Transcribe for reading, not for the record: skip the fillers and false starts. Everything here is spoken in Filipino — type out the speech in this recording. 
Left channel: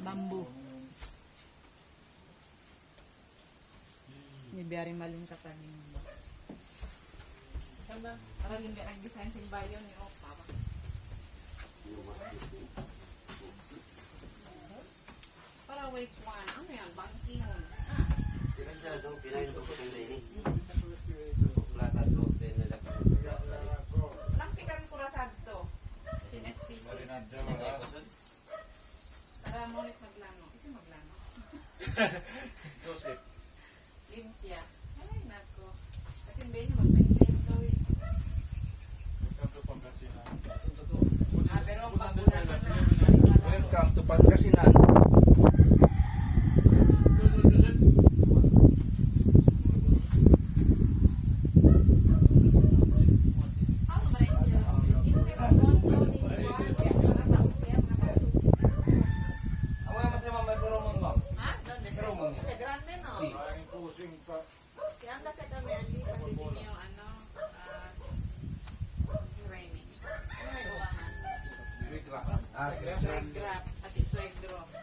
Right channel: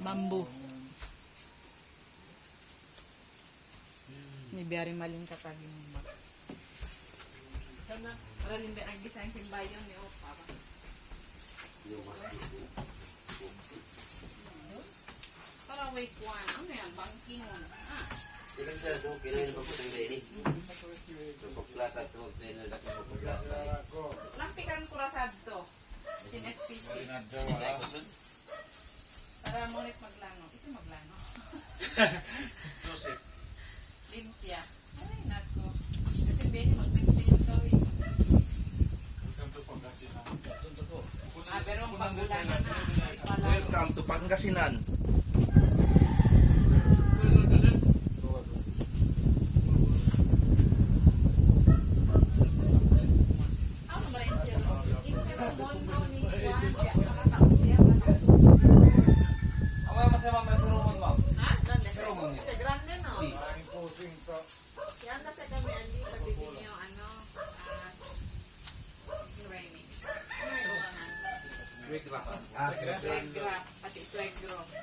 Bamboo. Ni biyaring maling kataging ba. Para limbe ang design simbayon ni Opa. Para wake one. Ano yan? Banking mo na. Kasi sa ito, kinain mo po tayo rin eh. Pagplatan ko, pinalagpagplatan. Nakpikan ko rasad to. Sin SPC. Para mo ulit maglano. Kasi maglano. Joseph. Limpia. Ay, nako. Kasi Benny mag-maintain ka eh. Pero ang pagulanan na. Welcome to Pangasinan. Ano ba yun siya? Yung mondo ni Juan, siya nakatao siya. Ang mga masama may sarumon, ma'am. Ha? Grande. Sarumon niya. Kasi grande no? Si. Yan kasi kami andi pabili yung ano, training. Ano yung uwangan? Wait lang. Swag grab, pati swag grab.